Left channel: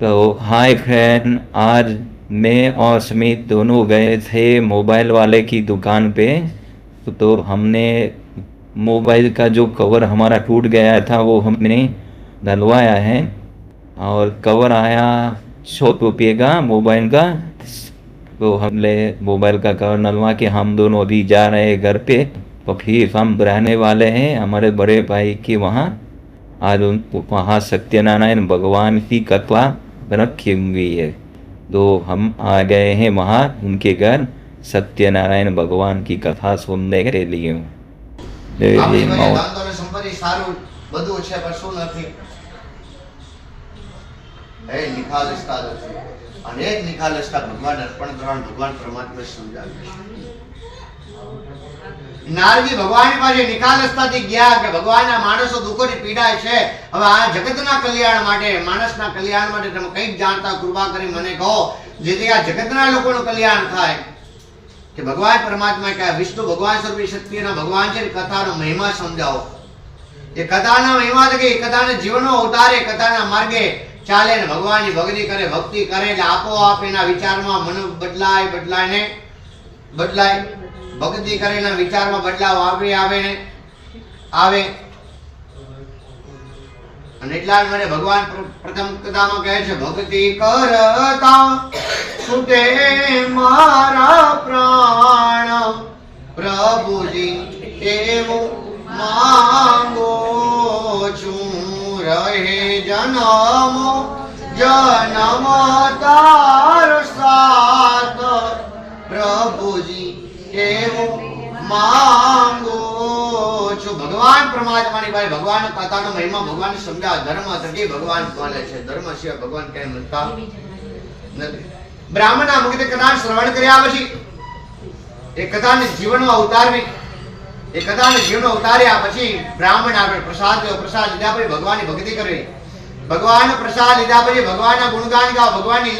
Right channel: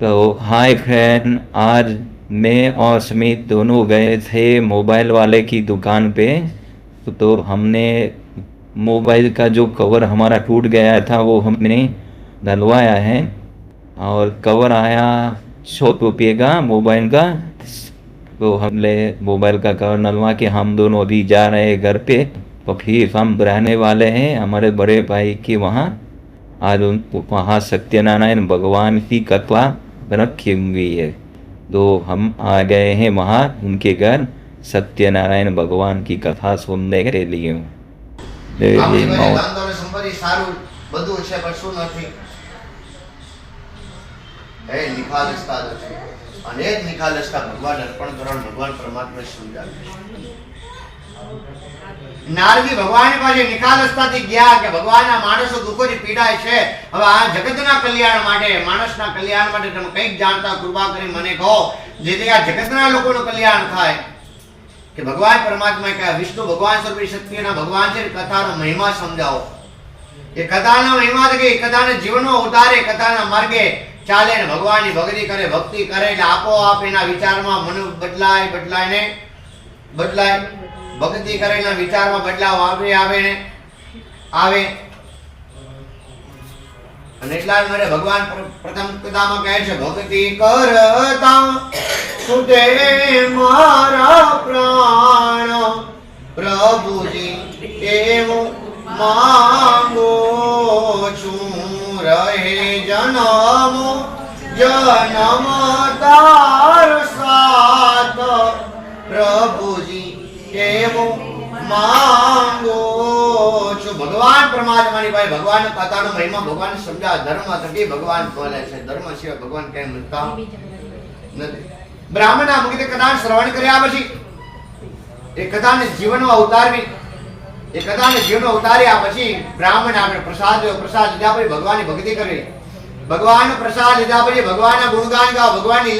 तो hi friend, आज मैं और स्मित दोनों गए थे मोबाइल वाले की दुकान पे। तो हमने मोबाइल का जो कवर हमारा टूट गया था वो हमने डलवाया है और कवर आया 100 रुपये का मोबाइल का। तो हमने मोबाइल का कवर डलवा के हम दोनों अभी जा रहे हैं घर पे। तो फिर हम रहने वाले हैं हमारे बड़े भाई के वहाँ। आज वहाँ सत्यनारायण भगवान की कथा रखी हुई है, तो हम आ गए हैं वहाँ उनके घर सत्यनारायण भगवान की कथा सुनने के लिए। संपत्ति सारू બધું છે પણ શું નથી એ નિખાલસતા છે અને એ જ નિખાલસતા ભગવાન અર્પણ કરવાનું ભગવાન પરમાત્માએ સમજાવ્યું। નારદી ભગવાન પાસે નિખાલસતાથી ગયા કે ભગવાનના માણસો દુઃખોથી પીડાય છે, હવે આ જગતના કલ્યાણ માટે માણસના કલ્યાણ માટે તમે કંઈક જાણતા કૃપા કરી મને કહો જેથી આ જગતના લોકોનું કલ્યાણ થાય। કે ભગવાન પરમાત્માએ કહ્યું વિષ્ણુ ભગવાન સ્વરૂપી શક્તિના ભગવાન છે, કથાનો મહિમા સમજાવો। એ કથાનો મહિમા છે કે કથાને જીવનનો ઉતારે કથાના માર્ગે ચાલે ને ભગવાનની ભક્તિ કરે એટલે આપોઆપ એના વિચારમાં મન બદલાય ભક્તિ કરે એના વિચારમાં બદલાવ આવે અને એટલા માટે ભગવાન પ્રથમ કથામાં કહે છે ભક્તિ કરતા છૂટે મારા પ્રાણ પ્રભુજી એવું માંગો છું રહે જન્મ તાર સાથ પ્રભુજી એવું માંગો છું। ભગવાન પરમાત્માની ભાઈ ભગવાન કથાનો મહિમા ભગવાન સમજાવ ધર્મ થકી ભગવાન બોલે છે, ધર્મ સિવાય ભગવાન કઈ મળતા નથી। બ્રાહ્મણના મુખે કથા શ્રવણ કર્યા પછી એ કથાને જીવનમાં ઉતાર્યા પછી બ્રાહ્મણ આગળ પ્રસાદ લીધા પછી ભગવાનની ભક્તિ કરી, ભગવાનનો પ્રસાદ લીધા પછી ભગવાનના ગુણગાન ગાવ, ભગવાનની